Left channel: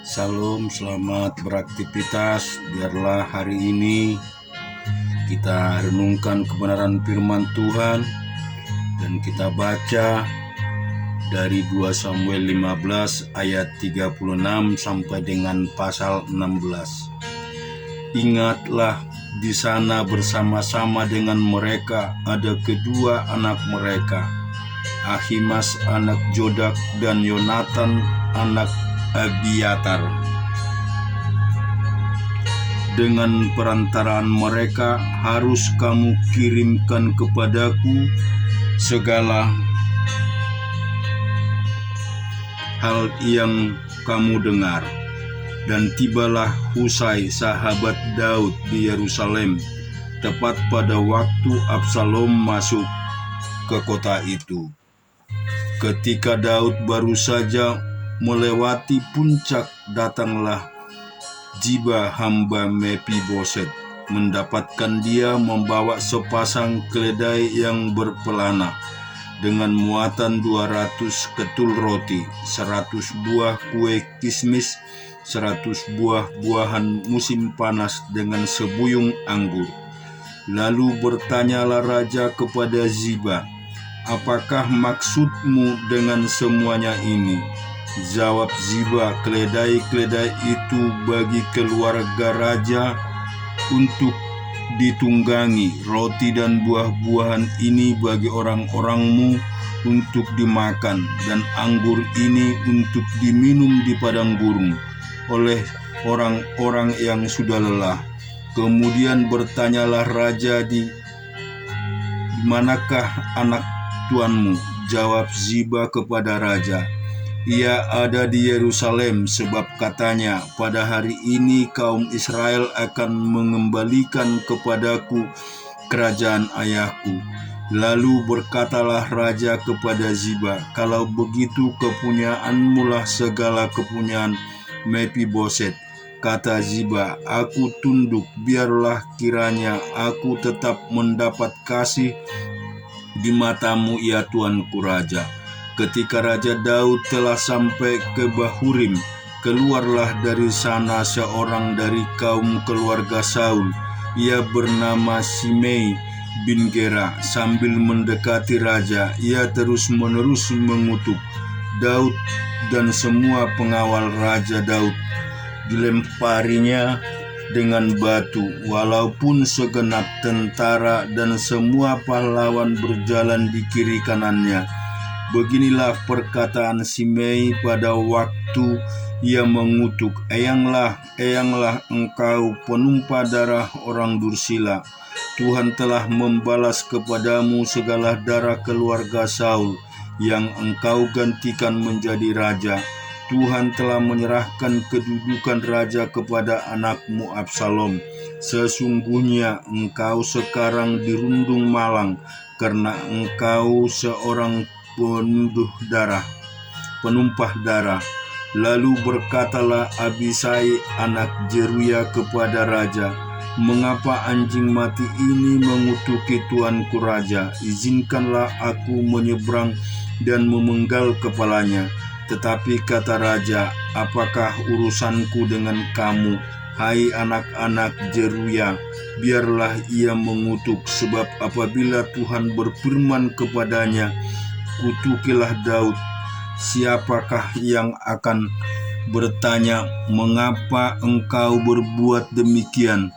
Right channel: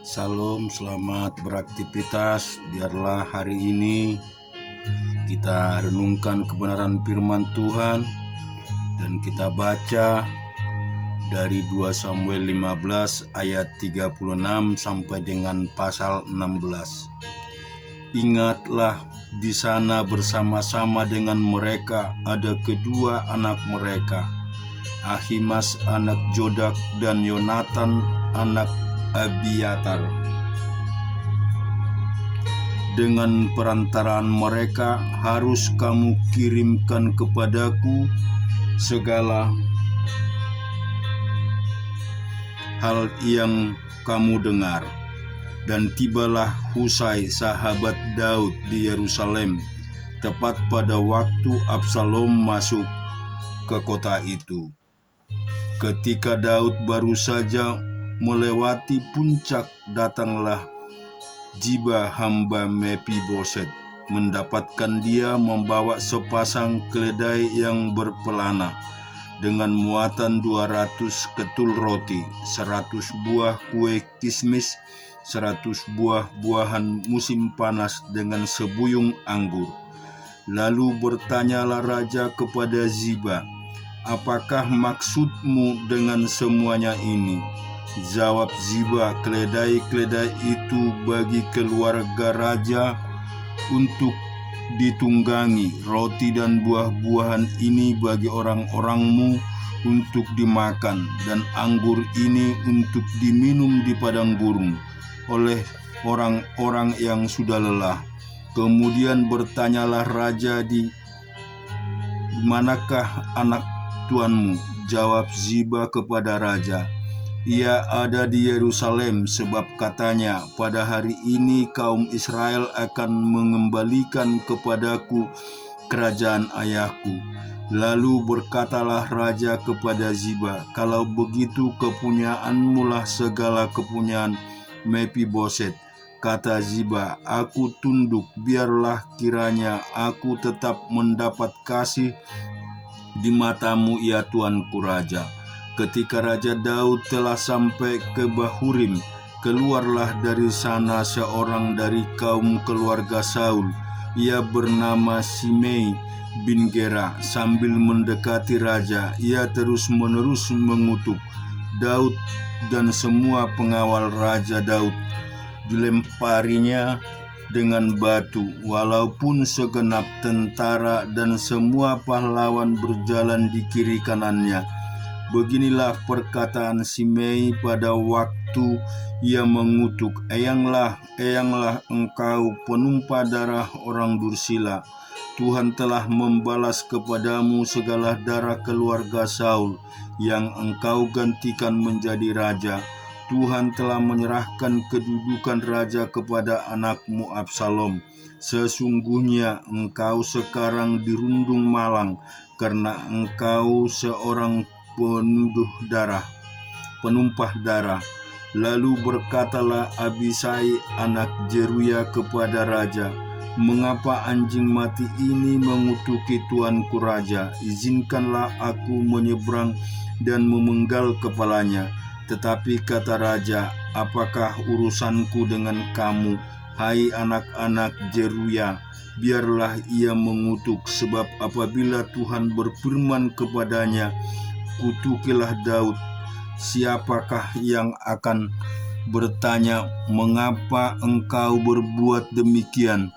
Salam, selamat beraktivitas. Biarlah hari ini kita renungkan kebenaran firman Tuhan dan kita baca dari 2 Samuel 15 ayat 36 sampai dengan pasal 16. Ingatlah, di sana bersama-sama dengan mereka ada kedua anak mereka, Ahimas anak Jodak dan Yonatan anak Abiatar. Dengan perantaraan mereka harus kamu kirimkan kepadaku segala hal yang kamu dengar. Dan tibalah Husai sahabat Daud di Yerusalem tepat pada waktu Absalom masuk ke kota itu. Ketika Daud baru saja melewati puncak, datanglah Ziba hamba Mephiboset, mendapatkan dia membawa sepasang keledai yang berpelana dengan muatan 200 ketul roti, 100 buah kue kismis, 100 buah-buahan musim panas dengan sebuyung anggur. Lalu bertanyalah raja kepada Ziba, "Apakah maksudmu dengan semuanya ini?" Jawab Ziba, "Keledai-keledai itu bagi keluarga raja untuk ditunggangi, roti dan buah-buahan ini bagi orang-orangmu untuk dimakan, dan anggur ini untuk diminum di padang gurun oleh orang-orang yang sudah lelah." Kemudian bertanyalah raja, "Di manakah anak tuanmu?" Jawab Ziba kepada raja, "Ia ada di Yerusalem, sebab katanya, pada hari ini kaum Israel akan mengembalikan kepadaku kerajaan ayahku." Lalu berkatalah raja kepada Ziba, "Kalau begitu kepunyaanmu lah segala kepunyaan Mephiboset." Kata Ziba, "Aku tunduk, biarlah kiranya aku tetap mendapat kasih di matamu, ya tuanku raja." Ketika Raja Daud telah sampai ke Bahurim, keluarlah dari sana seorang dari kaum keluarga Saul. Ia bernama Simei bin Gera. Sambil mendekati raja, ia terus-menerus mengutuk Daud, dan semua pengawal Raja Daud dilemparinya dengan batu, walaupun segenap tentara dan semua pahlawan berjalan di kiri kanannya. Beginilah perkataan Simei pada waktu ia mengutuk, "Eyanglah, eyanglah engkau penumpah darah orang dursila. Tuhan telah membalas kepadamu segala darah keluarga Saul yang engkau gantikan menjadi raja. Tuhan telah menyerahkan kedudukan raja kepada anakmu Absalom. Sesungguhnya engkau sekarang dirundung malang karena engkau seorang penumpah darah." Lalu berkatalah Abisai anak Zeruya kepada raja, "Mengapa anjing mati ini mengutuki tuanku raja? Izinkanlah aku menyeberang dan memenggal kepalanya." Tetapi kata raja, "Apakah urusanku dengan kamu, hai anak-anak Zeruya? Biarlah ia mengutuk, sebab apabila Tuhan berfirman kepadanya, 'Kutukilah Daud,' siapakah yang akan bertanya, 'Mengapa engkau berbuat demikian?'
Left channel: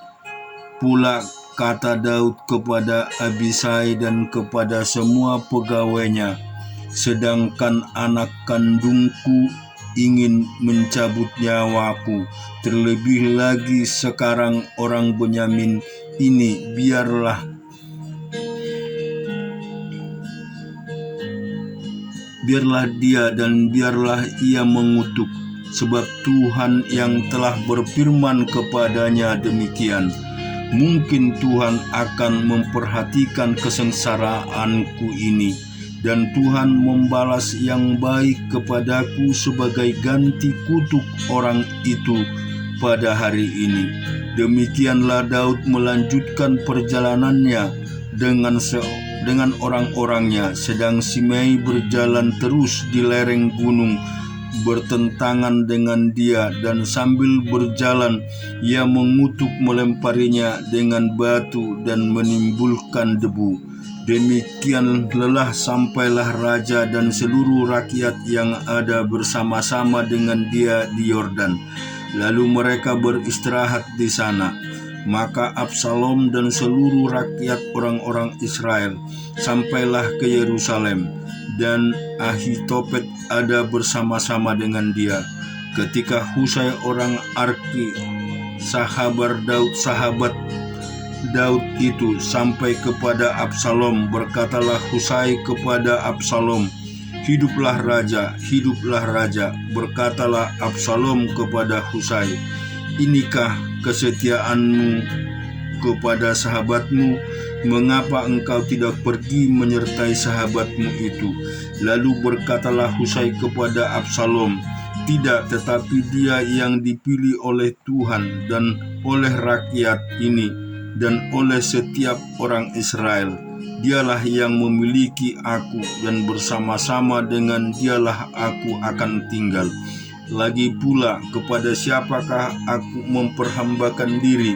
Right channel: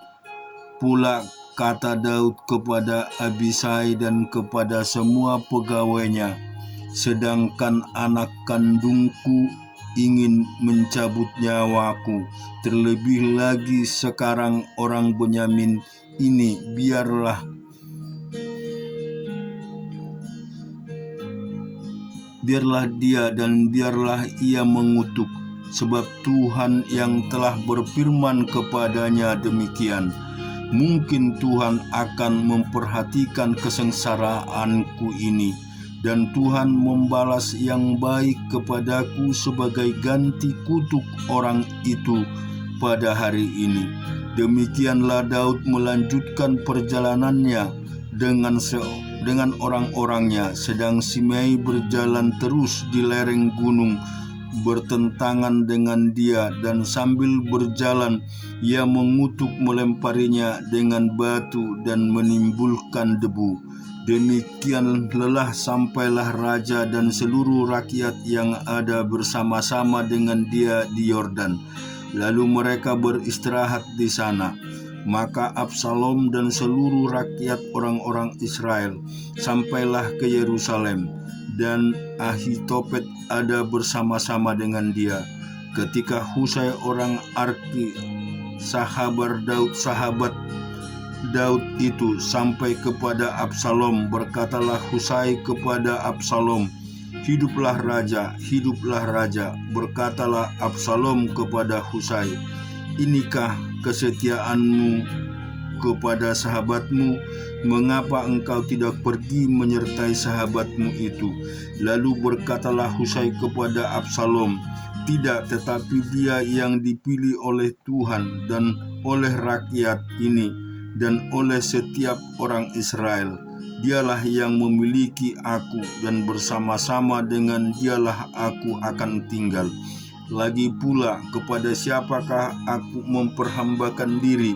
Pula kata Daud kepada Abisai dan kepada semua pegawainya, 'Sedangkan anak kandungku ingin mencabut nyawaku, terlebih lagi sekarang orang Benyamin ini, biarlah dia dan biarlah ia mengutuk, sebab Tuhan yang telah berfirman kepadanya demikian. Mungkin Tuhan akan memperhatikan kesengsaraanku ini, dan Tuhan membalas yang baik kepadaku sebagai ganti kutuk orang itu pada hari ini." Demikianlah Daud melanjutkan perjalanannya dengan orang-orangnya, sedang Simei berjalan terus di lereng gunung bertentangan dengan dia, dan sambil berjalan ia mengutuk melemparinya dengan batu dan menimbulkan debu. Demikian lelah sampailah raja dan seluruh rakyat yang ada bersama-sama dengan dia di Yordan. Lalu mereka beristirahat di sana. Maka Absalom dan seluruh rakyat orang-orang Israel sampailah ke Yerusalem, dan Ahitofet ada bersama-sama dengan dia. Ketika Husai orang Arki, sahabat Daud itu sampai kepada Absalom, berkatalah Husai kepada Absalom, "Hiduplah raja, hiduplah raja." Berkatalah Absalom kepada Husai, "Inikah kesetiaanmu kepada sahabatmu? Mengapa engkau tidak pergi menyertai sahabatmu itu?" Lalu berkatalah Husai kepada Absalom, "Tidak, tetapi dia yang dipilih oleh Tuhan dan oleh rakyat ini dan oleh setiap orang Israel. Dialah yang memiliki aku, dan bersama-sama dengan dialah aku akan tinggal. Lagi pula, kepada siapakah aku memperhambakan diri?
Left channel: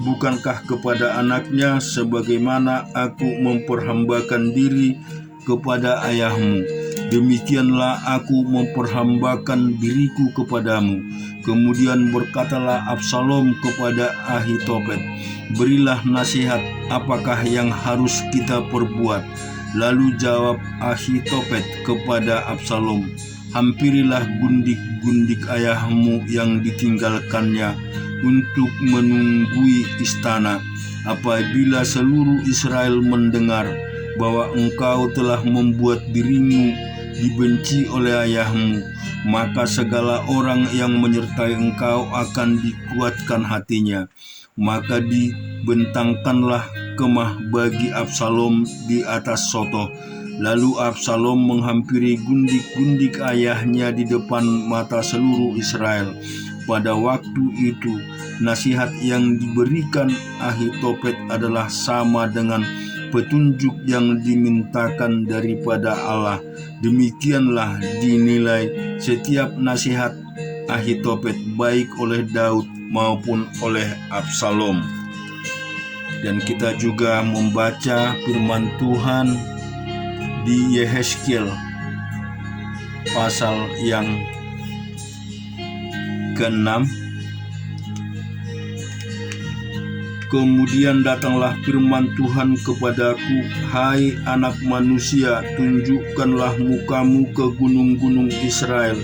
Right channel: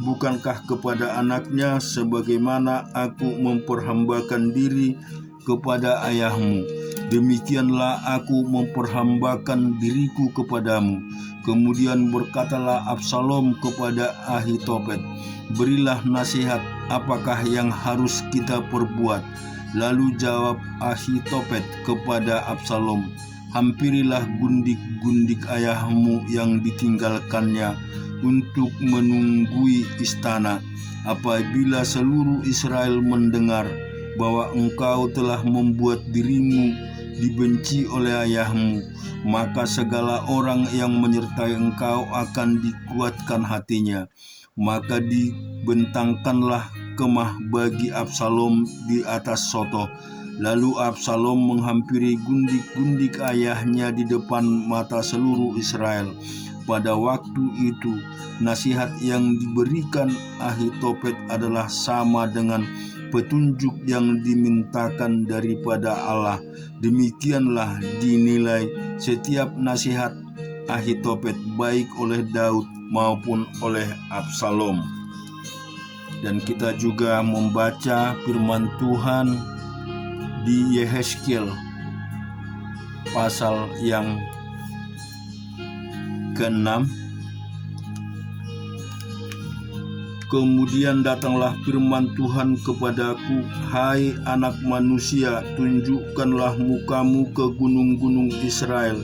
Bukankah kepada anaknya, sebagaimana aku memperhambakan diri kepada ayahmu? Demikianlah aku memperhambakan diriku kepadamu." Kemudian berkatalah Absalom kepada Ahitofet, "Berilah nasihat, apakah yang harus kita perbuat?" Lalu jawab Ahitofet kepada Absalom, "Hampirilah gundik-gundik ayahmu yang ditinggalkannya untuk menunggui istana. Apabila seluruh Israel mendengar bahwa engkau telah membuat dirimu dibenci oleh ayahmu, maka segala orang yang menyertai engkau akan dikuatkan hatinya." Maka dibentangkanlah kemah bagi Absalom di atas sotoh. Lalu Absalom menghampiri gundik-gundik ayahnya di depan mata seluruh Israel. Pada waktu itu, nasihat yang diberikan Ahitofet adalah sama dengan petunjuk yang dimintakan daripada Allah. Demikianlah dinilai setiap nasihat Ahitofet, baik oleh Daud maupun oleh Absalom. Dan kita juga membaca firman Tuhan di Yehezkiel pasal yang ke-6. "Kemudian datanglah firman Tuhan kepadaku, hai anak manusia, tunjukkanlah mukamu ke gunung-gunung Israel,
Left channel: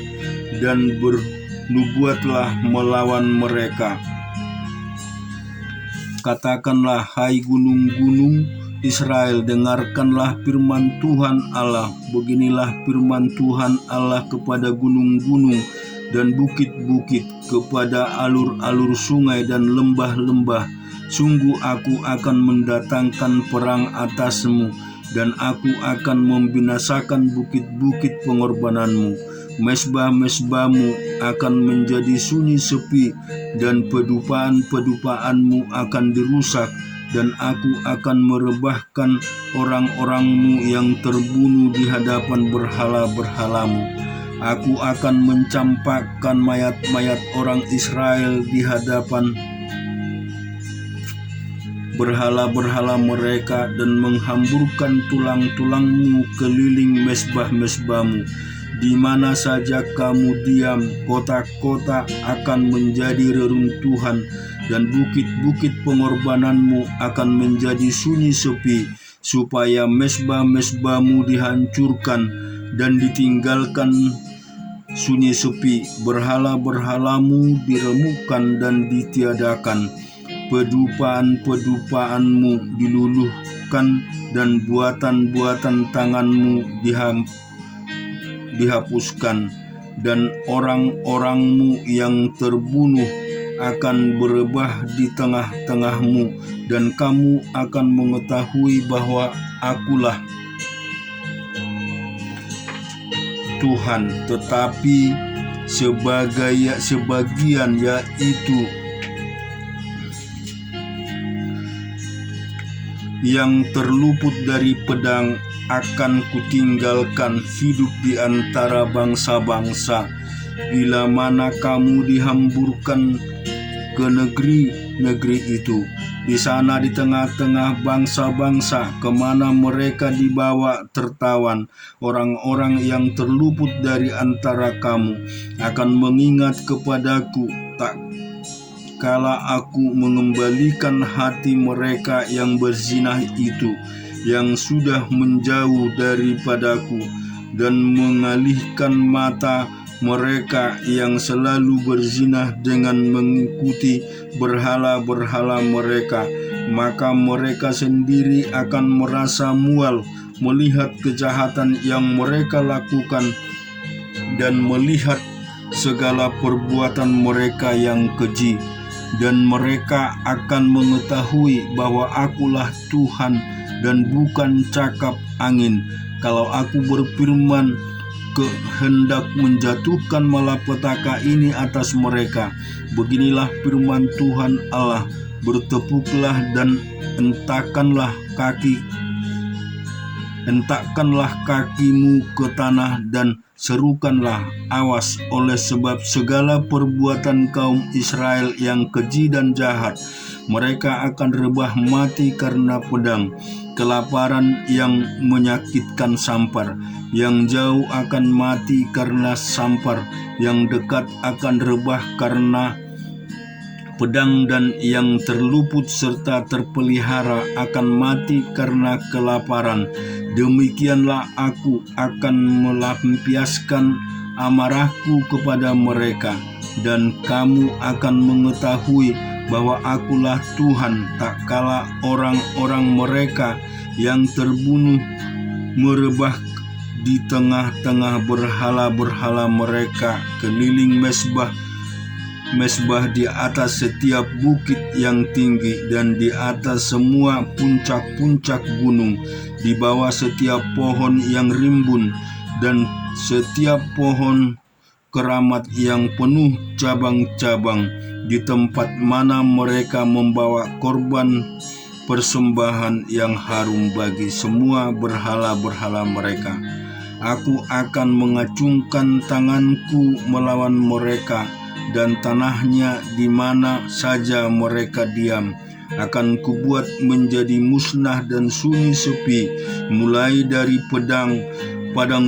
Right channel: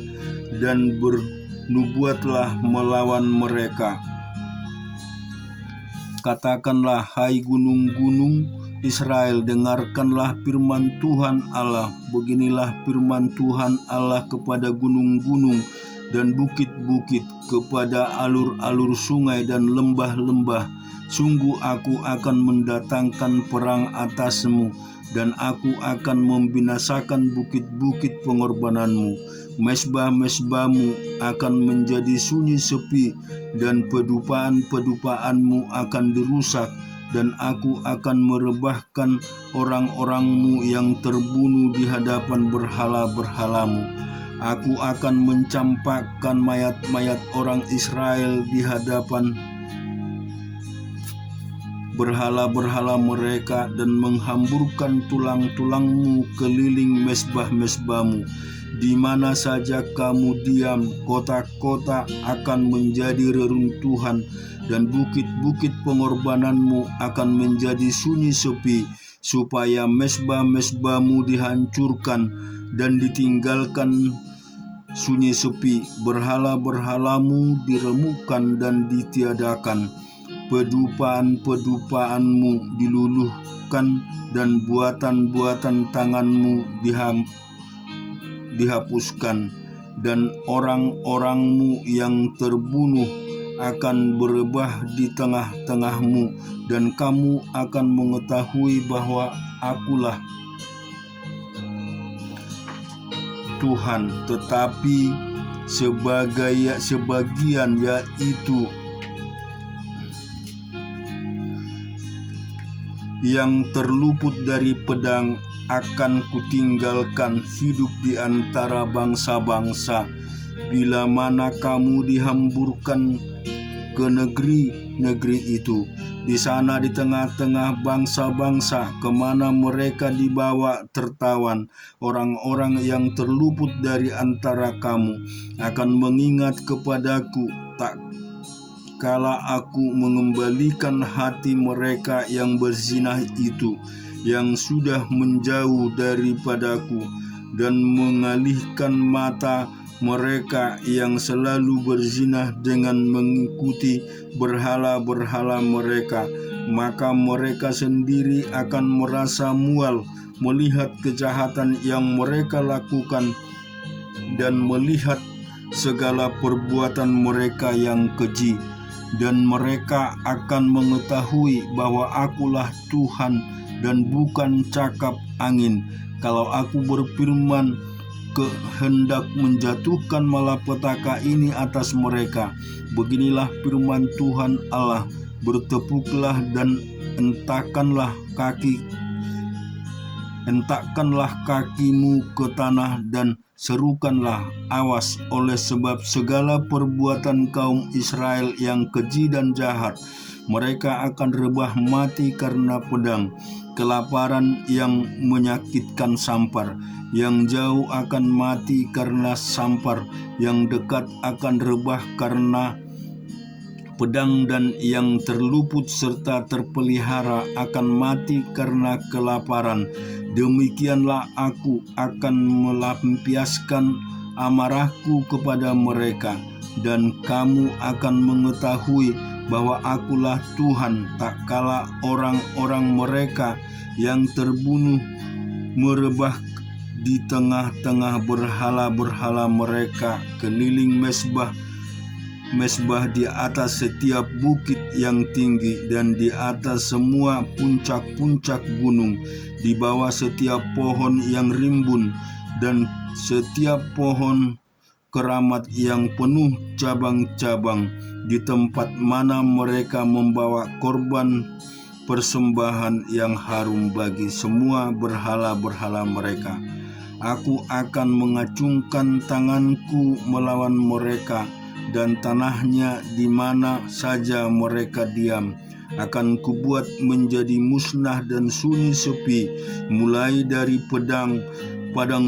dan bernubuatlah melawan mereka. Katakanlah, hai gunung-gunung Israel, dengarkanlah firman Tuhan Allah. Beginilah firman Tuhan Allah kepada gunung-gunung dan bukit-bukit, kepada alur-alur sungai dan lembah-lembah. Sungguh aku akan mendatangkan perang atasmu, dan aku akan membinasakan bukit-bukit pengorbananmu. Mesbah-mesbahmu akan menjadi sunyi sepi, dan pedupaan-pedupaanmu akan dirusak, dan aku akan merebahkan orang-orangmu yang terbunuh di hadapan berhala-berhalamu. Aku akan mencampakkan mayat-mayat orang Israel di hadapan berhala-berhala mereka, dan menghamburkan tulang-tulangmu keliling mesbah-mesbahmu. Di mana saja kamu diam, kota-kota akan menjadi reruntuhan, dan bukit-bukit pengorbananmu akan menjadi sunyi sepi, supaya mesbah-mesbahmu dihancurkan dan ditinggalkan sunyi sepi, berhala-berhalamu diremukkan dan ditiadakan, pedupaan-pedupaanmu diluluhkan, dan buatan-buatan tanganmu dihapuskan, dan orang-orangmu yang terbunuh akan berebah di tengah-tengahmu, dan kamu akan mengetahui bahwa akulah Tuhan. Tetapi sebagian, yaitu yang terluput dari pedang, akan kutinggalkan hidup di antara bangsa-bangsa. bila mana kamu dihamburkan ke negeri-negeri itu. Di sana di tengah-tengah bangsa-bangsa kemana mereka dibawa tertawan, orang-orang yang terluput dari antara kamu akan mengingat kepadaku tak kala aku mengembalikan hati mereka yang berzinah itu, yang sudah menjauh daripadaku, dan mengalihkan mata mereka yang selalu berzinah dengan mengikuti berhala-berhala mereka. Maka mereka sendiri akan merasa mual melihat kejahatan yang mereka lakukan dan melihat segala perbuatan mereka yang keji. Dan mereka akan mengetahui bahwa akulah Tuhan dan bukan cakap angin. Kalau aku berfirman hendak menjatuhkan malapetaka ini atas mereka, beginilah firman Tuhan Allah, bertepuklah dan hentakkanlah kakimu ke tanah dan serukanlah, awas, oleh sebab segala perbuatan kaum Israel yang keji dan jahat. Mereka akan rebah mati karena pedang, kelaparan yang menyakitkan sampar. Yang jauh akan mati karena sampar, yang dekat akan rebah karena pedang, dan yang terluput serta terpelihara akan mati karena kelaparan. Demikianlah aku akan melampiaskan amarahku kepada mereka, dan kamu akan mengetahui bahwa akulah Tuhan, tak kala orang-orang mereka yang terbunuh merebah di tengah-tengah berhala-berhala mereka, keliling mesbah di atas setiap bukit yang tinggi dan di atas semua puncak-puncak gunung, di bawah setiap pohon yang rimbun dan setiap pohon keramat yang penuh cabang-cabang, di tempat mana mereka membawa korban persembahan yang harum bagi semua berhala-berhala mereka. Aku akan mengacungkan tanganku melawan mereka, dan tanahnya di mana saja mereka diam akan kubuat menjadi musnah dan sunyi sepi, mulai dari padang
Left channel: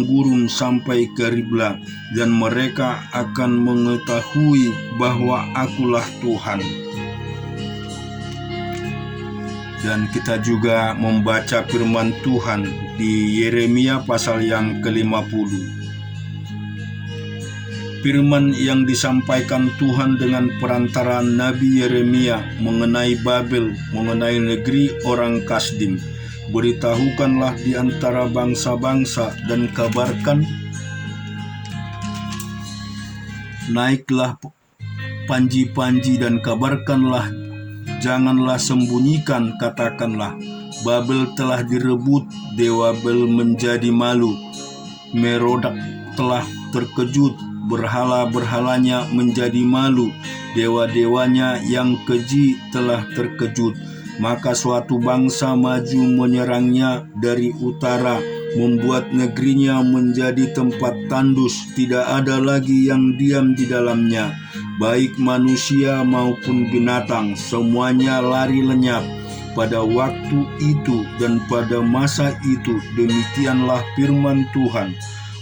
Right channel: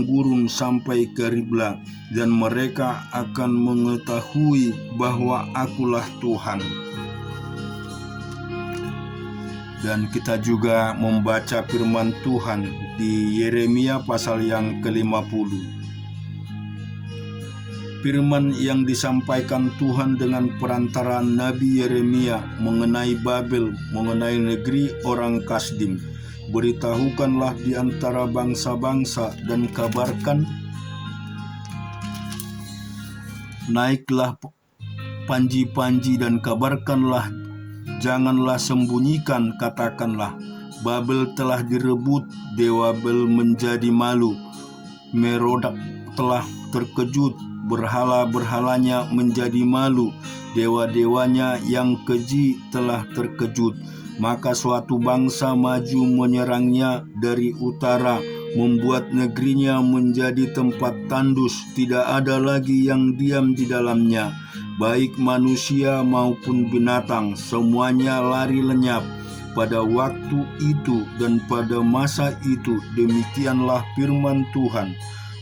gurun sampai ke Ribla, dan mereka akan mengetahui bahwa akulah Tuhan. Dan kita juga membaca firman Tuhan di Yeremia pasal yang ke-50. Firman yang disampaikan Tuhan dengan perantaraan Nabi Yeremia mengenai Babel, mengenai negeri orang Kasdim. Beritahukanlah di antara bangsa-bangsa dan kabarkan, naiklah panji-panji dan kabarkanlah, janganlah sembunyikan, katakanlah, Babel telah direbut, dewa Babel menjadi malu, Merodak telah terkejut, berhala-berhalanya menjadi malu, dewa-dewanya yang keji telah terkejut. Maka suatu bangsa maju menyerangnya dari utara, membuat negerinya menjadi tempat tandus, tidak ada lagi yang diam di dalamnya. Baik manusia maupun binatang, semuanya lari lenyap. Pada waktu itu dan pada masa itu, demikianlah firman Tuhan,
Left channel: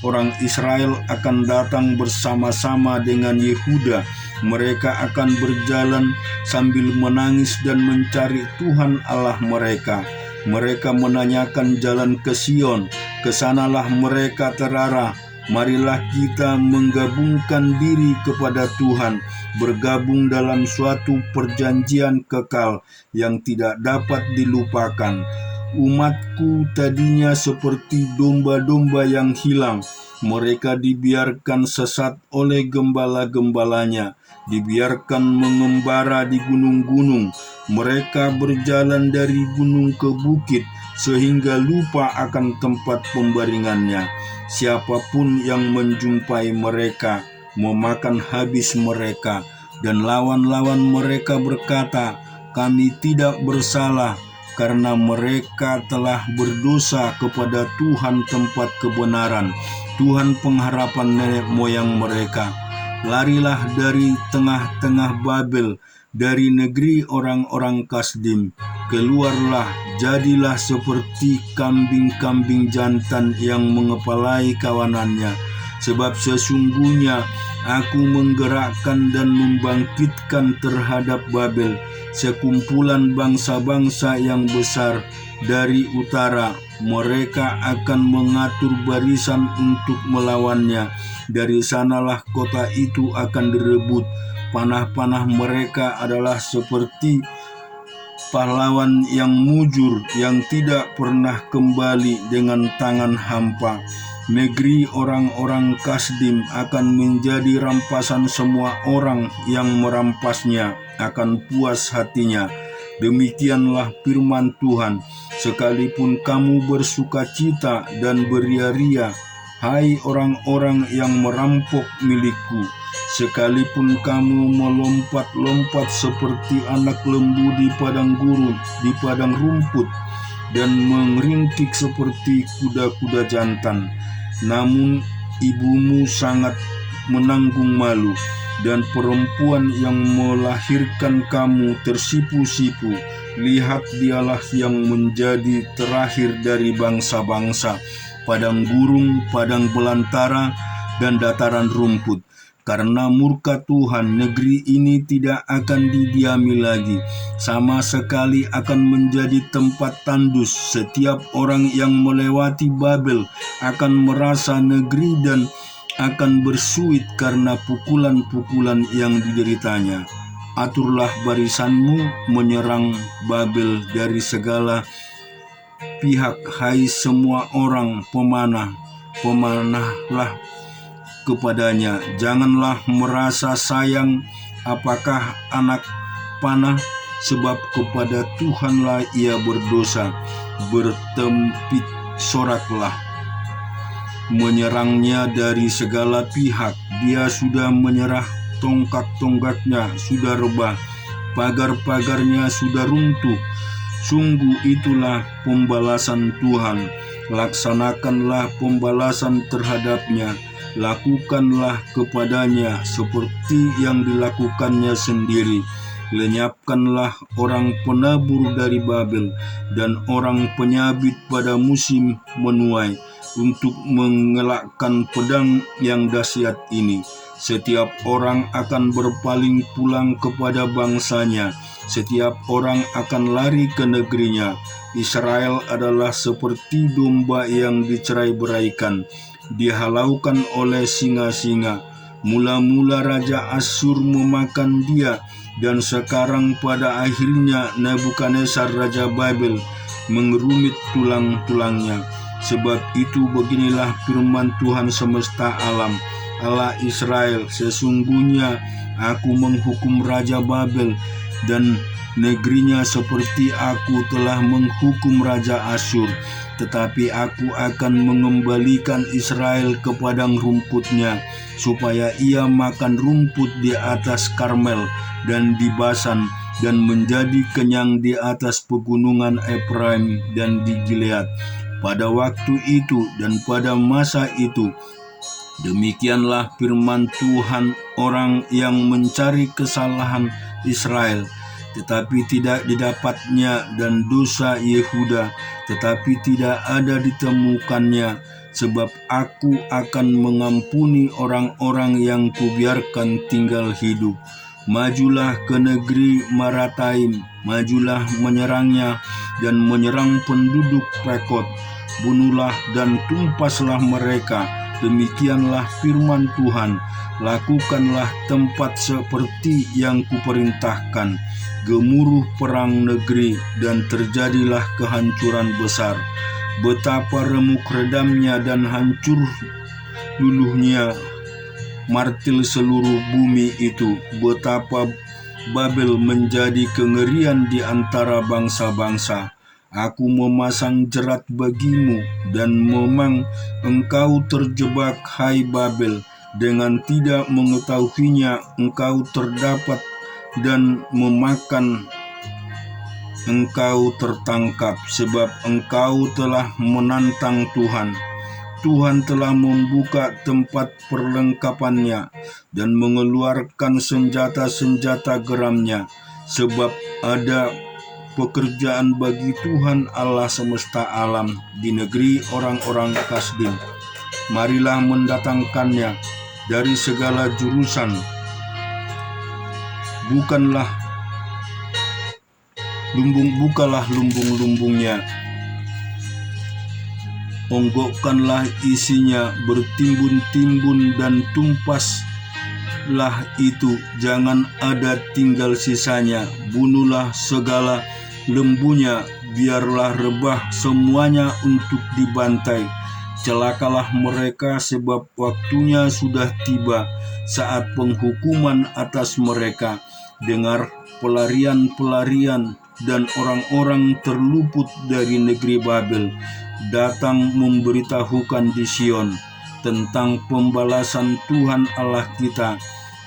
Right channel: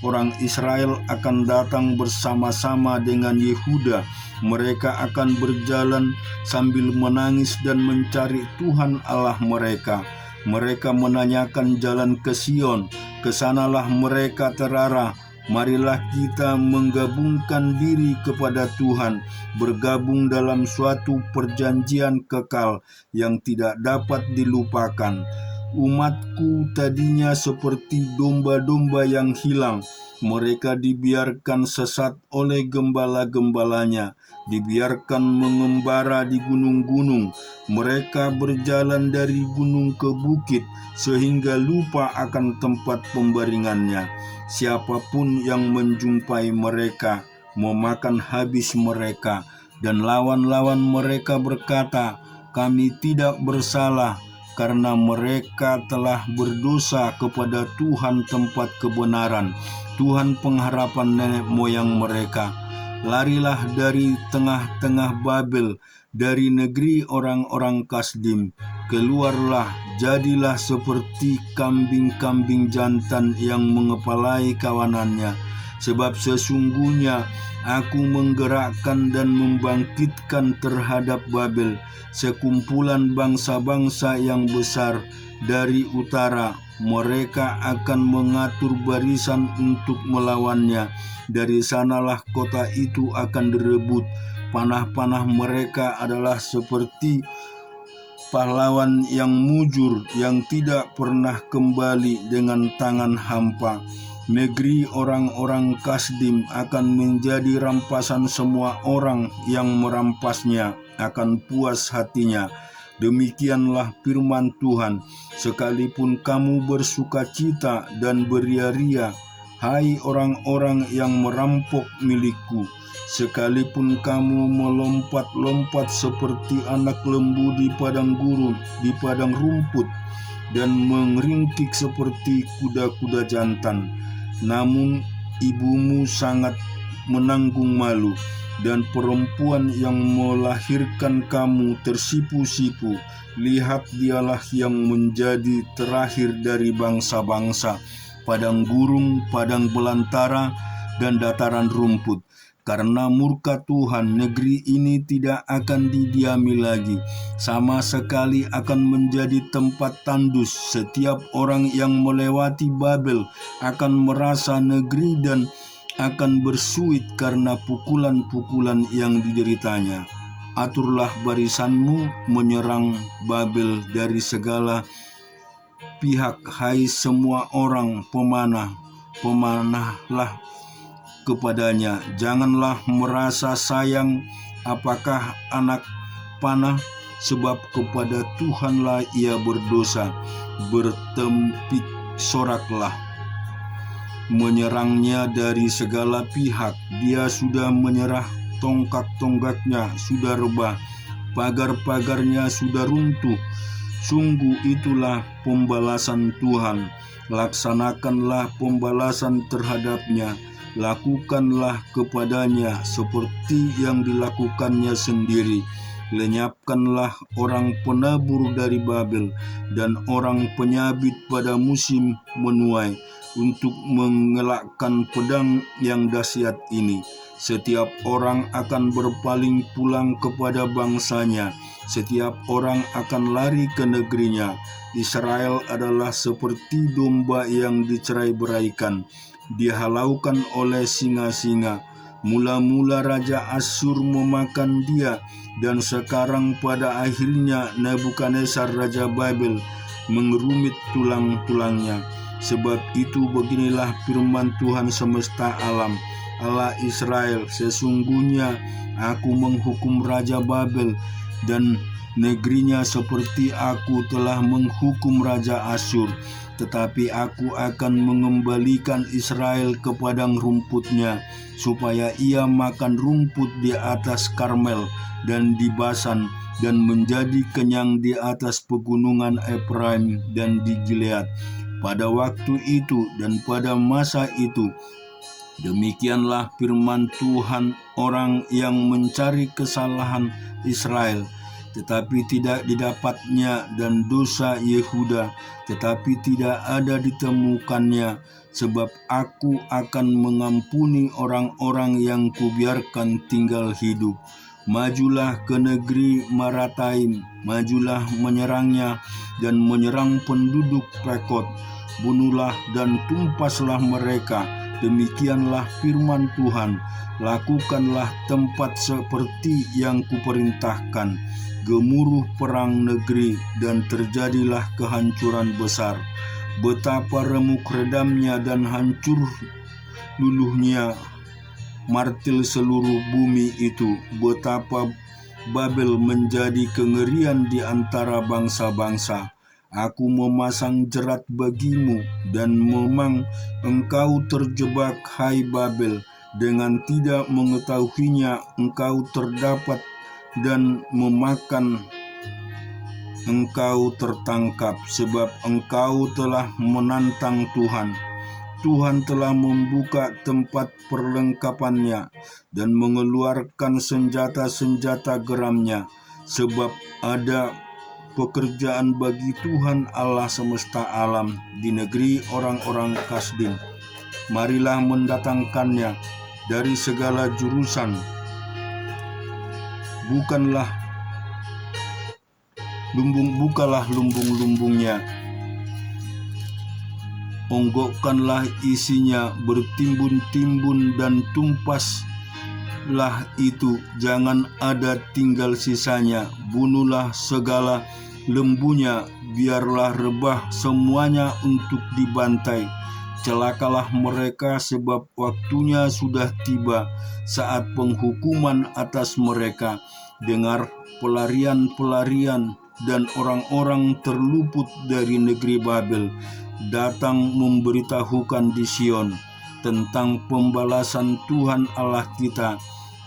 orang Israel akan datang bersama-sama dengan Yehuda. Mereka akan berjalan sambil menangis dan mencari Tuhan Allah mereka. Mereka menanyakan jalan ke Sion, kesanalah mereka terarah. Marilah kita menggabungkan diri kepada Tuhan, bergabung dalam suatu perjanjian kekal yang tidak dapat dilupakan. Umatku tadinya seperti domba-domba yang hilang. Mereka dibiarkan sesat oleh gembala-gembalanya, dibiarkan mengembara di gunung-gunung. Mereka berjalan dari gunung ke bukit, sehingga lupa akan tempat pembaringannya. Siapapun yang menjumpai mereka, memakan habis mereka, dan lawan-lawan mereka berkata, kami tidak bersalah, karena mereka telah berdosa kepada Tuhan tempat kebenaran, Tuhan pengharapan nenek moyang mereka. Larilah dari tengah-tengah Babel, dari negeri orang-orang Kasdim. Keluarlah, jadilah seperti kambing-kambing jantan yang mengepalai kawanannya. Sebab sesungguhnya aku menggerakkan dan membangkitkan terhadap Babel sekumpulan bangsa-bangsa yang besar dari utara. Mereka akan mengatur barisan untuk melawannya. Dari sanalah kota itu akan direbut. Panah-panah mereka adalah seperti pahlawan yang mujur, yang tidak pernah kembali dengan tangan hampa. Negeri orang-orang Kasdim akan menjadi rampasan semua orang yang merampasnya akan puas hatinya. Demikianlah firman Tuhan, sekalipun kamu bersukacita dan beria-ria, hai orang-orang yang merampok milikku, sekalipun kamu melompat-lompat seperti anak lembu di padang gurun, di padang rumput, dan mengerintik seperti kuda-kuda jantan, namun ibumu sangat menanggung malu, dan perempuan yang melahirkan kamu tersipu-sipu. Lihat, dialah yang menjadi terakhir dari bangsa-bangsa, padang gurun, padang belantara, dan dataran rumput. Karena murka Tuhan, negeri ini tidak akan didiami lagi, sama sekali akan menjadi tempat tandus. Setiap orang yang melewati Babel akan merasa negeri dan akan bersuit karena pukulan-pukulan yang dideritanya. Aturlah barisanmu menyerang Babel dari segala pihak, hai semua orang pemanah. Pemanahlah kepadanya. Janganlah merasa sayang apakah anak panah, sebab kepada Tuhanlah ia berdosa. Bertempik soraklah menyerangnya dari segala pihak. Dia sudah menyerah, tongkat-tongkatnya sudah rebah, pagar-pagarnya sudah runtuh. Sungguh itulah pembalasan Tuhan. Laksanakanlah pembalasan terhadapnya. Lakukanlah kepadanya seperti yang dilakukannya sendiri. Lenyapkanlah orang penabur dari Babel dan orang penyabit pada musim menuai, untuk mengelakkan pedang yang dahsyat ini. Setiap orang akan berpaling pulang kepada bangsanya. Setiap orang akan lari ke negerinya. Israel adalah seperti domba yang dicerai-beraikan, dihalaukan oleh singa-singa. Mula-mula Raja Asyur memakan dia, dan sekarang pada akhirnya Nebukadnezar Raja Babel mengerumit tulang-tulangnya. Sebab itu beginilah firman Tuhan semesta alam, Allah Israel, sesungguhnya aku menghukum Raja Babel dan negerinya seperti aku telah menghukum Raja Asyur. Tetapi aku akan mengembalikan Israel ke padang rumputnya, supaya ia makan rumput di atas Karmel dan di Basan, dan menjadi kenyang di atas pegunungan Efraim dan di Gilead. Pada waktu itu dan pada masa itu, demikianlah firman Tuhan, orang yang mencari kesalahan Israel, tetapi tidak didapatnya, dan dosa Yehuda, tetapi tidak ada ditemukannya. Sebab aku akan mengampuni orang-orang yang kubiarkan tinggal hidup. Majulah ke negeri Marataim, majulah menyerangnya dan menyerang penduduk Pekod. Bunuhlah dan tumpaslah mereka. Demikianlah firman Tuhan. Lakukanlah tempat seperti yang kuperintahkan. Gemuruh perang negeri dan terjadilah kehancuran besar. Betapa remuk redamnya dan hancur luluhnya martil seluruh bumi itu. Betapa Babel menjadi kengerian di antara bangsa-bangsa. Aku memasang jerat bagimu, dan memang engkau terjebak, hai Babel. Dengan tidak mengetahuinya engkau terdapat, dan memakan engkau tertangkap, sebab engkau telah menantang Tuhan. Tuhan telah membuka tempat perlengkapannya dan mengeluarkan senjata-senjata geramnya, sebab ada pekerjaan bagi Tuhan Allah semesta alam di negeri orang-orang Kasdim. Marilah mendatangkannya dari segala jurusan. Bukalah lumbung-lumbungnya, onggokkanlah isinya, bertimbun-timbun dan tumpaslah itu, jangan ada tinggal sisanya. Bunuhlah segala lembunya, biarlah rebah semuanya untuk dibantai. Celakalah mereka, sebab waktunya sudah tiba, saat penghukuman atas mereka. Dengar pelarian-pelarian dan orang-orang terluput dari negeri Babel datang memberitahukan di Sion tentang pembalasan Tuhan Allah kita,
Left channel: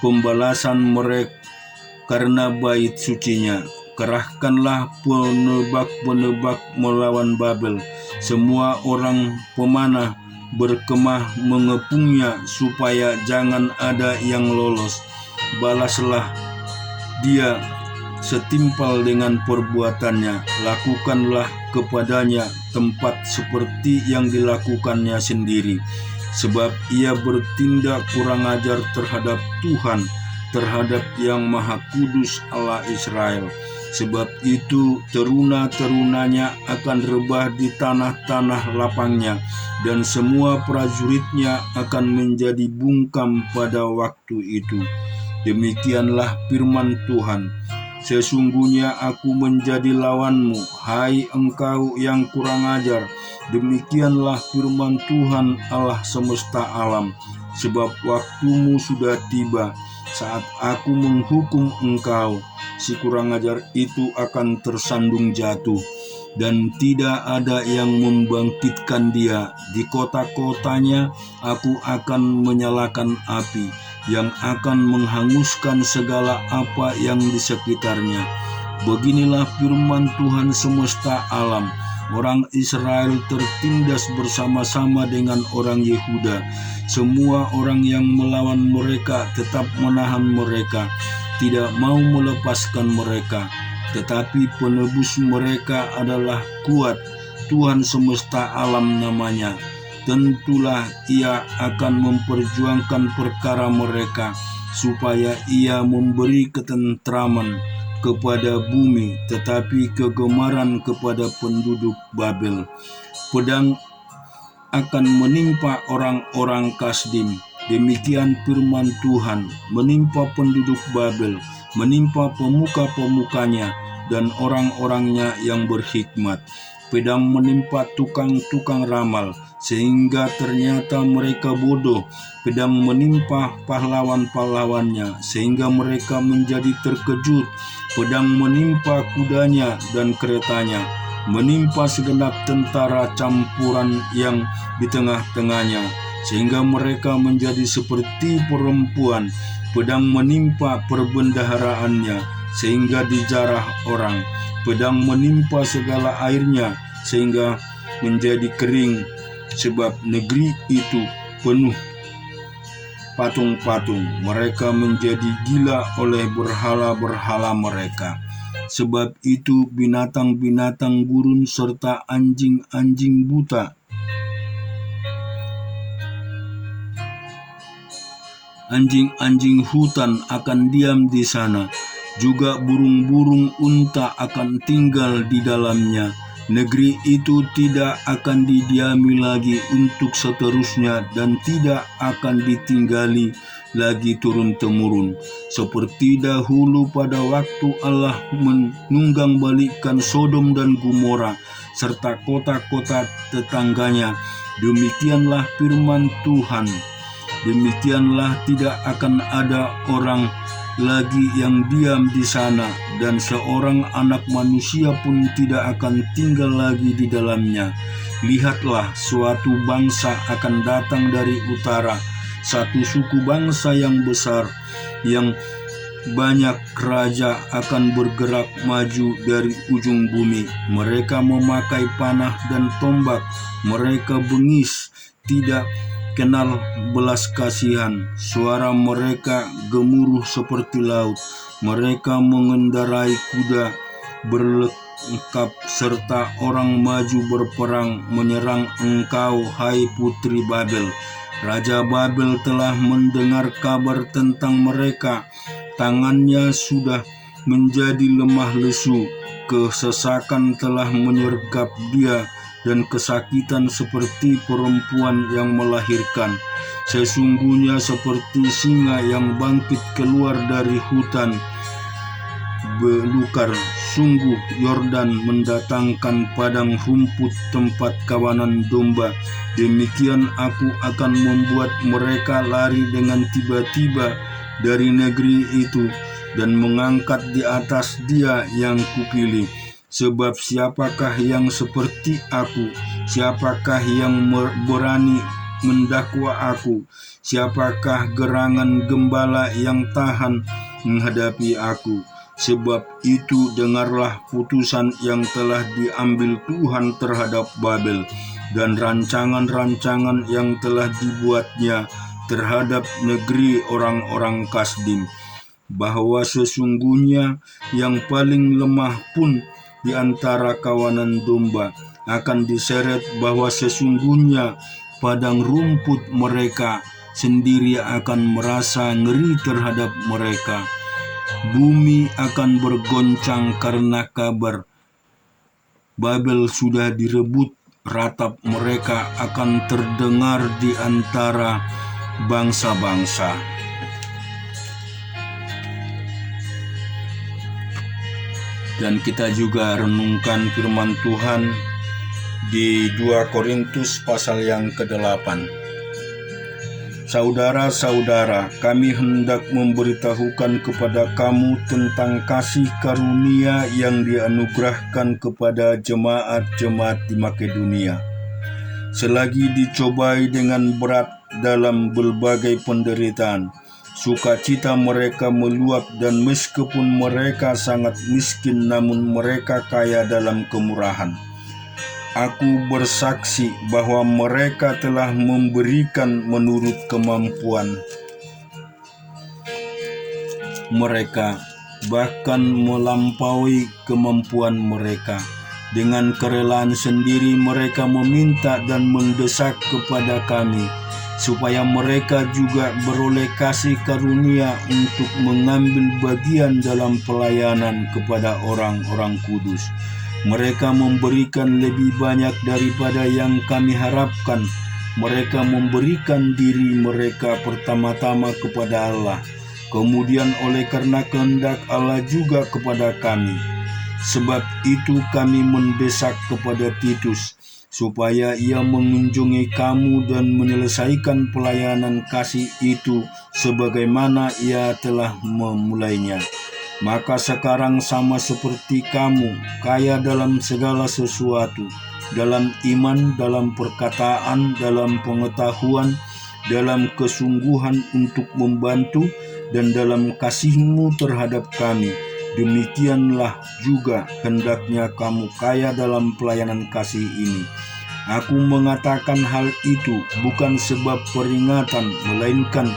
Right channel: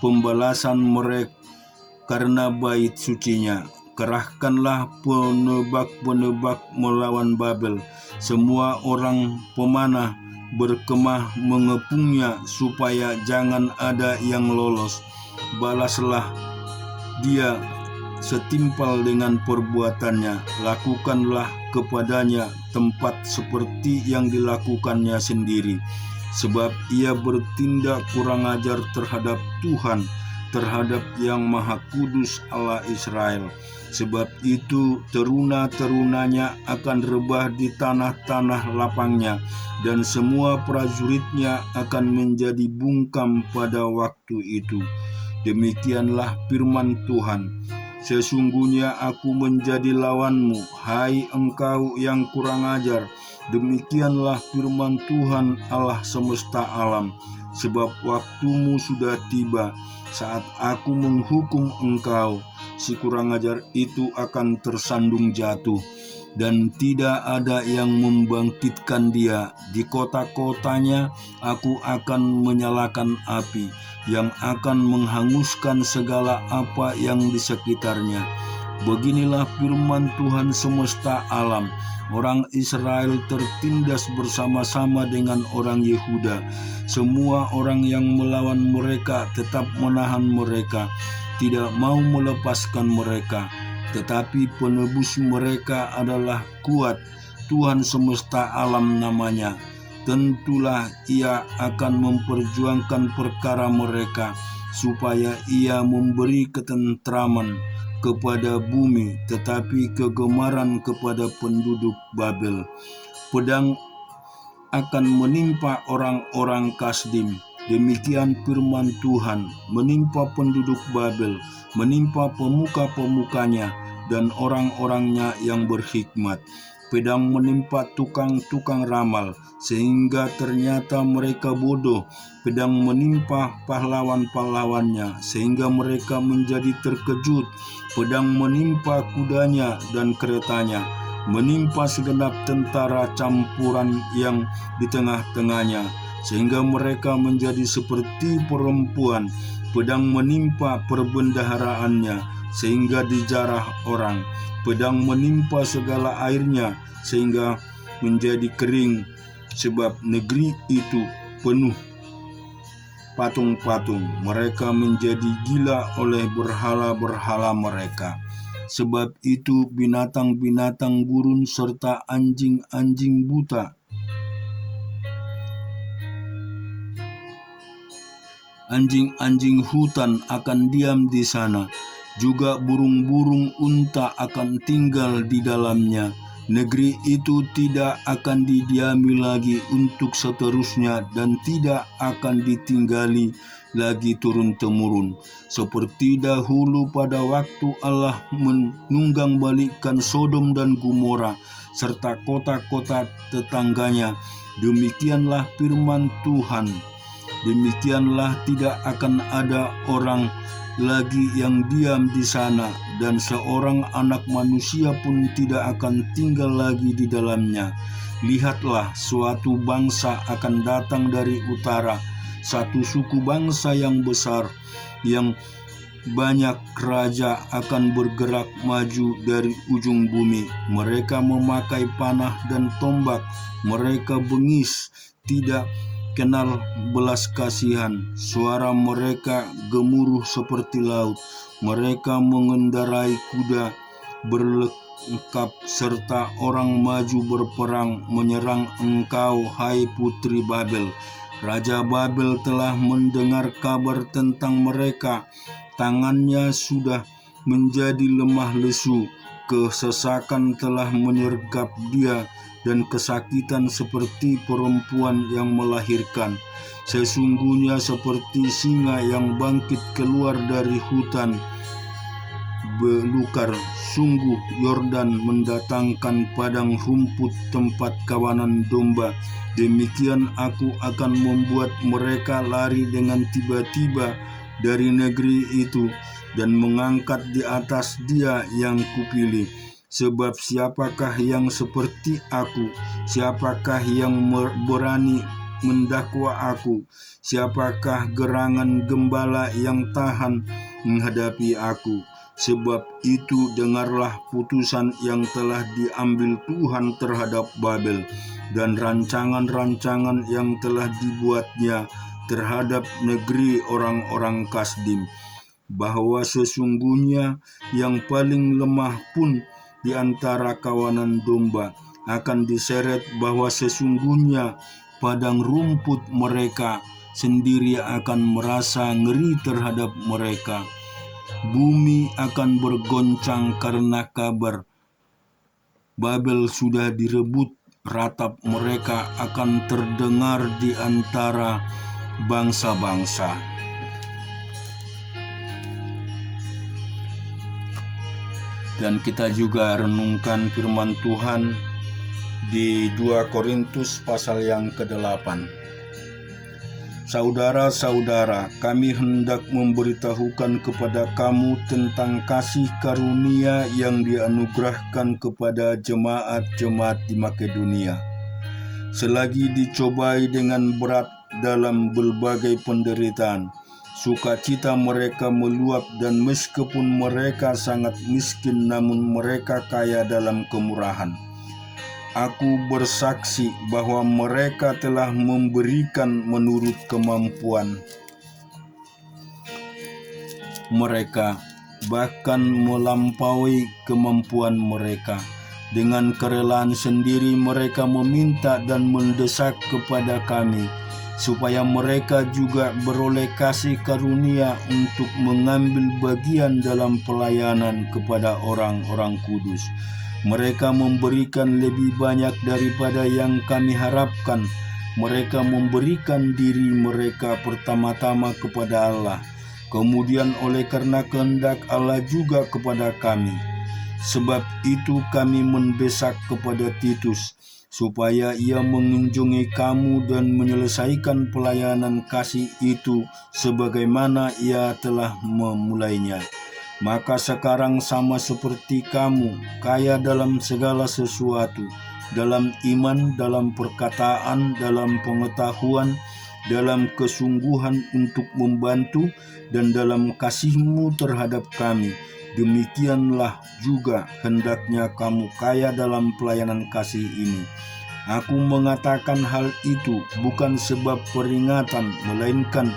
pembalasan mereka karena bait sucinya. Kerahkanlah penebak-penebak melawan Babel, semua orang pemanah berkemah mengepungnya, supaya jangan ada yang lolos. Balaslah dia setimpal dengan perbuatannya, lakukanlah kepadanya tempat seperti yang dilakukannya sendiri, sebab ia bertindak kurang ajar terhadap Tuhan, terhadap Yang Maha Kudus Allah Israel. Sebab itu teruna-terunanya akan rebah di tanah-tanah lapangnya, dan semua prajuritnya akan menjadi bungkam pada waktu itu. Demikianlah firman Tuhan. Sesungguhnya aku menjadi lawanmu, hai engkau yang kurang ajar. Demikianlah firman Tuhan Allah semesta alam. Sebab waktumu sudah tiba, saat aku menghukum engkau. Si kurang ajar itu akan tersandung jatuh, dan tidak ada yang membangkitkan dia. Di kota-kotanya aku akan menyalakan api, yang akan menghanguskan segala apa yang di sekitarnya. Beginilah firman Tuhan semesta alam. Orang Israel tertindas bersama-sama dengan orang Yehuda. Semua orang yang melawan mereka tetap menahan mereka, tidak mau melepaskan mereka. Tetapi penebus mereka adalah kuat, Tuhan semesta alam namanya. Tentulah ia akan memperjuangkan perkara mereka, supaya ia memberi ketentraman kepada bumi, tetapi kegemaran kepada penduduk Babel. Pedang akan menimpa orang-orang Kasdim. Demikian firman Tuhan, menimpa penduduk Babel, menimpa pemuka-pemukanya dan orang-orangnya yang berhikmat. Pedang menimpa tukang-tukang ramal, sehingga ternyata mereka bodoh. Pedang menimpa pahlawan-pahlawannya, sehingga mereka menjadi terkejut. Pedang menimpa kudanya dan keretanya, menimpa segenap tentara campuran yang di tengah-tengahnya, sehingga mereka menjadi seperti perempuan. Pedang menimpa perbendaharaannya, sehingga dijarah orang. Pedang menimpa segala airnya, sehingga menjadi kering, sebab negeri itu penuh patung-patung. Mereka menjadi gila oleh berhala-berhala mereka. Sebab itu binatang-binatang gurun serta anjing-anjing buta, anjing-anjing hutan akan diam di sana. Juga burung-burung unta akan tinggal di dalamnya. Negeri itu tidak akan didiami lagi untuk seterusnya, dan tidak akan ditinggali lagi turun-temurun. Seperti dahulu pada waktu Allah menunggang balikkan Sodom dan Gomora, serta kota-kota tetangganya. Demikianlah firman Tuhan. Demikianlah tidak akan ada orang lagi yang diam di sana, dan seorang anak manusia pun tidak akan tinggal lagi di dalamnya. Lihatlah, suatu bangsa akan datang dari utara, satu suku bangsa yang besar, yang banyak raja akan bergerak maju dari ujung bumi. Mereka memakai panah dan tombak, mereka bengis, tidak kenal belas kasihan. Suara mereka gemuruh seperti laut. Mereka mengendarai kuda berlengkap serta orang maju berperang menyerang engkau, hai putri Babel. Raja Babel telah mendengar kabar tentang mereka. Tangannya sudah menjadi lemah lesu. Kesesakan telah menyergap dia dan kesakitan seperti perempuan yang melahirkan. Sesungguhnya seperti singa yang bangkit keluar dari hutan belukar, sungguh Yordan mendatangkan padang rumput tempat kawanan domba. Demikian aku akan membuat mereka lari dengan tiba-tiba dari negeri itu dan mengangkat di atas dia yang kupilih. Sebab siapakah yang seperti aku? Siapakah yang berani mendakwa aku? Siapakah gerangan gembala yang tahan menghadapi aku? Sebab itu dengarlah putusan yang telah diambil Tuhan terhadap Babel dan rancangan-rancangan yang telah dibuatnya terhadap negeri orang-orang Kasdim, bahwa sesungguhnya yang paling lemah pun di antara kawanan domba akan diseret, bahwa sesungguhnya padang rumput mereka sendiri akan merasa ngeri terhadap mereka. Bumi akan bergoncang karena kabar Babel sudah direbut. Ratap mereka akan terdengar di antara bangsa-bangsa. Dan kita juga renungkan firman Tuhan di 2 Korintus pasal yang ke-8. Saudara-saudara, kami hendak memberitahukan kepada kamu tentang kasih karunia yang dianugerahkan kepada jemaat-jemaat di Makedonia. Selagi dicobai dengan berat dalam berbagai penderitaan, sukacita mereka meluap, dan meskipun mereka sangat miskin, namun mereka kaya dalam kemurahan. Aku bersaksi bahwa mereka telah memberikan menurut kemampuan mereka, bahkan melampaui kemampuan mereka. Dengan kerelaan sendiri mereka meminta dan mendesak kepada kami, supaya mereka juga beroleh kasih karunia untuk mengambil bagian dalam pelayanan kepada orang-orang kudus. Mereka memberikan lebih banyak daripada yang kami harapkan. Mereka memberikan diri mereka pertama-tama kepada Allah, kemudian oleh karena kehendak Allah juga kepada kami. Sebab itu kami mendesak kepada Titus, supaya ia mengunjungi kamu dan menyelesaikan pelayanan kasih itu sebagaimana ia telah memulainya. Maka sekarang sama seperti kamu, kaya dalam segala sesuatu, dalam iman, dalam perkataan, dalam pengetahuan, dalam kesungguhan untuk membantu, dan dalam kasihmu terhadap kami. Demikianlah juga hendaknya kamu kaya dalam pelayanan kasih ini. Aku mengatakan hal itu bukan sebab peringatan, melainkan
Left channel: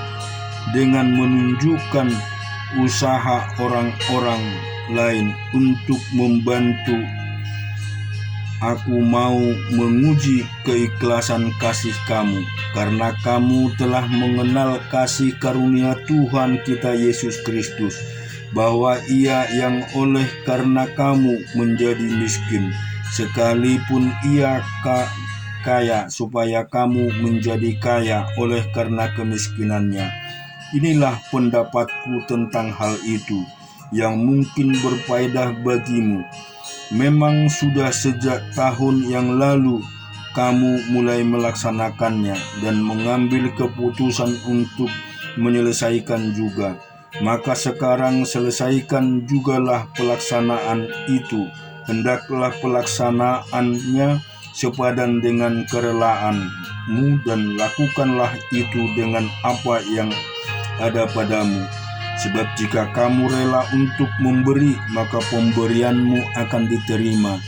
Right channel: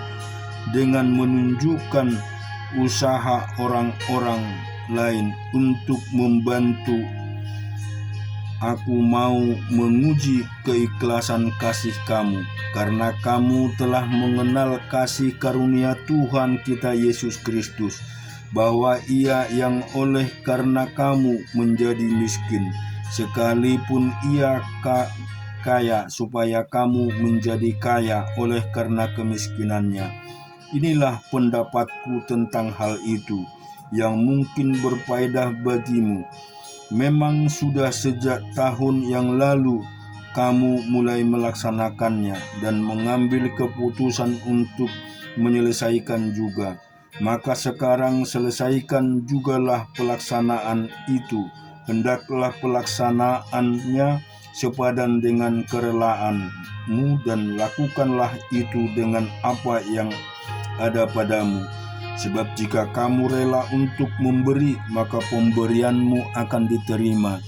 dengan menunjukkan usaha orang-orang lain untuk membantu. Aku mau menguji keikhlasan kasih kamu, karena kamu telah mengenal kasih karunia Tuhan kita Yesus Kristus, bahwa Ia yang oleh karena kamu menjadi miskin, sekalipun Ia kaya, supaya kamu menjadi kaya oleh karena kemiskinannya. Inilah pendapatku tentang hal itu, yang mungkin berfaedah bagimu. Memang sudah sejak tahun yang lalu kamu mulai melaksanakannya dan mengambil keputusan untuk menyelesaikan juga. Maka sekarang selesaikan jugalah pelaksanaan itu. Hendaklah pelaksanaannya sepadan dengan kerelaanmu, dan lakukanlah itu dengan apa yang ada padamu. Sebab jika kamu rela untuk memberi, maka pemberianmu akan diterima.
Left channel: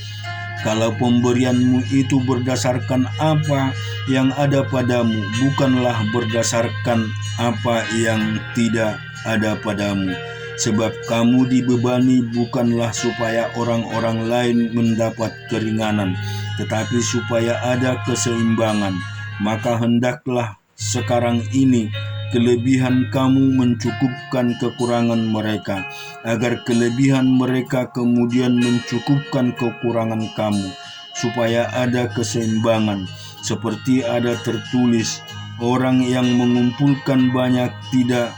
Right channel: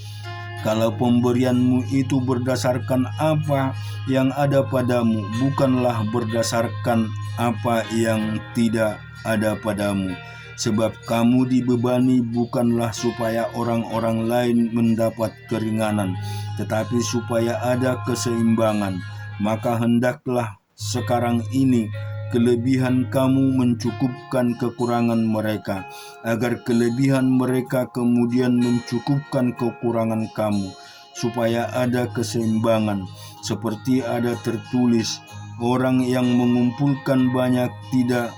Kalau pemberianmu itu berdasarkan apa yang ada padamu, bukanlah berdasarkan apa yang tidak ada padamu. Sebab kamu dibebani bukanlah supaya orang-orang lain mendapat keringanan, tetapi supaya ada keseimbangan. Maka hendaklah sekarang ini kelebihan kamu mencukupkan kekurangan mereka, agar kelebihan mereka kemudian mencukupkan kekurangan kamu, supaya ada keseimbangan. Seperti ada tertulis, orang yang mengumpulkan banyak tidak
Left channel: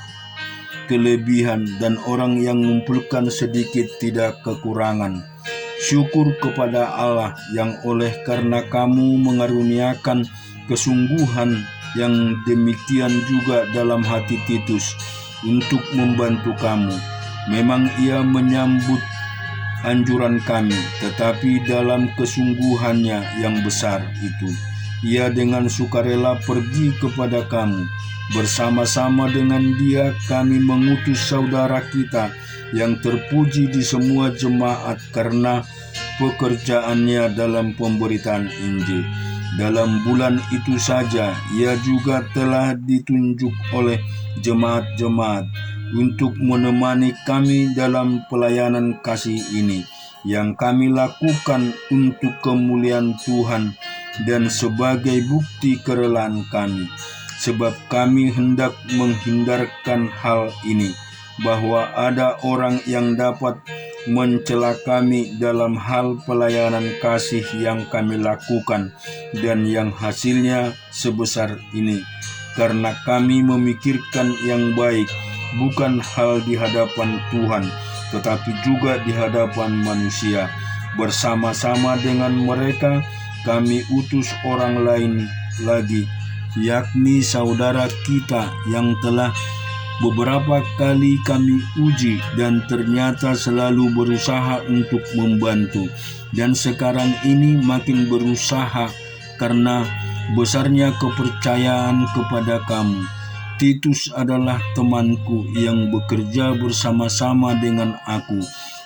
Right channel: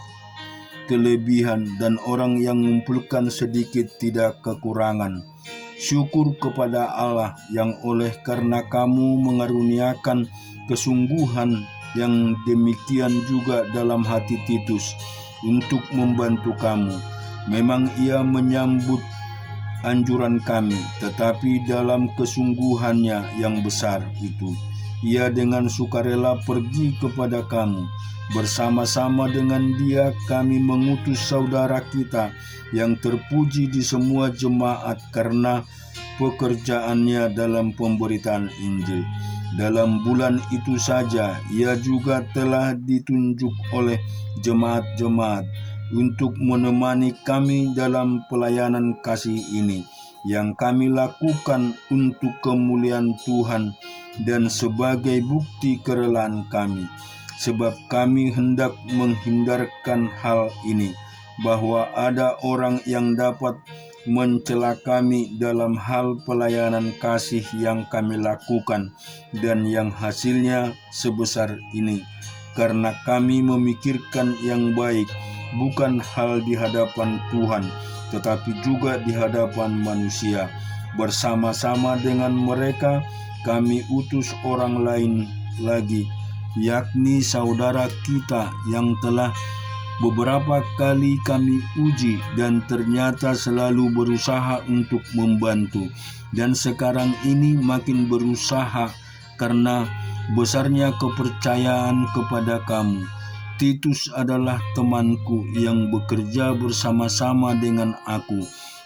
kelebihan, dan orang yang mengumpulkan sedikit tidak kekurangan. Syukur kepada Allah yang oleh karena kamu mengaruniakan kesungguhan yang demikian juga dalam hati Titus untuk membantu kamu. Memang ia menyambut anjuran kami, tetapi dalam kesungguhannya yang besar itu, ia dengan sukarela pergi kepada kamu. Bersama-sama dengan dia kami mengutus saudara kita yang terpuji di semua jemaat karena pekerjaannya dalam pemberitaan Injil. Dalam bulan itu saja ia juga telah ditunjuk oleh jemaat-jemaat untuk menemani kami dalam pelayanan kasih ini yang kami lakukan untuk kemuliaan Tuhan dan sebagai bukti kerelaan kami. Sebab kami hendak menghindarkan hal ini, bahwa ada orang yang dapat mencela kami dalam hal pelayanan kasih yang kami lakukan dan yang hasilnya sebesar ini, karena kami memikirkan yang baik, bukan hal di hadapan Tuhan, tetapi juga di hadapan manusia. Bersama-sama dengan mereka kami utus orang lain lagi, yakni saudara kita yang telah beberapa kali kami uji dan ternyata selalu berusaha untuk membantu, dan sekarang ini makin berusaha karena besarnya kepercayaan kepada kamu. Titus adalah temanku yang bekerja bersama-sama dengan aku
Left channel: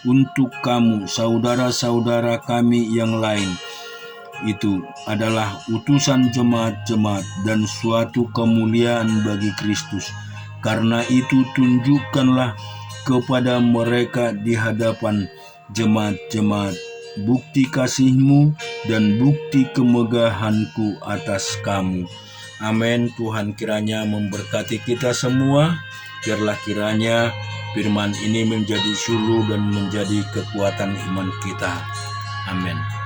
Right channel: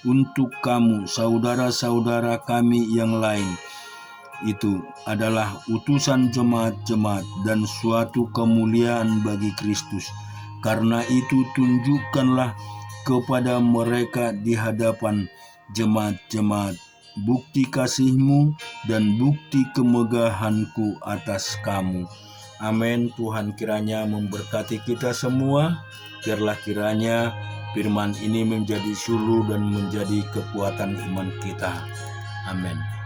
untuk kamu, saudara-saudara kami yang lain. Itu adalah utusan jemaat-jemaat dan suatu kemuliaan bagi Kristus. Karena itu tunjukkanlah kepada mereka di hadapan jemaat-jemaat bukti kasih-Mu dan bukti kemegahan-Ku atas kamu. Amin. Tuhan kiranya memberkati kita semua. Biarlah kiranya firman ini menjadi suluh dan menjadi kekuatan iman kita. Amin.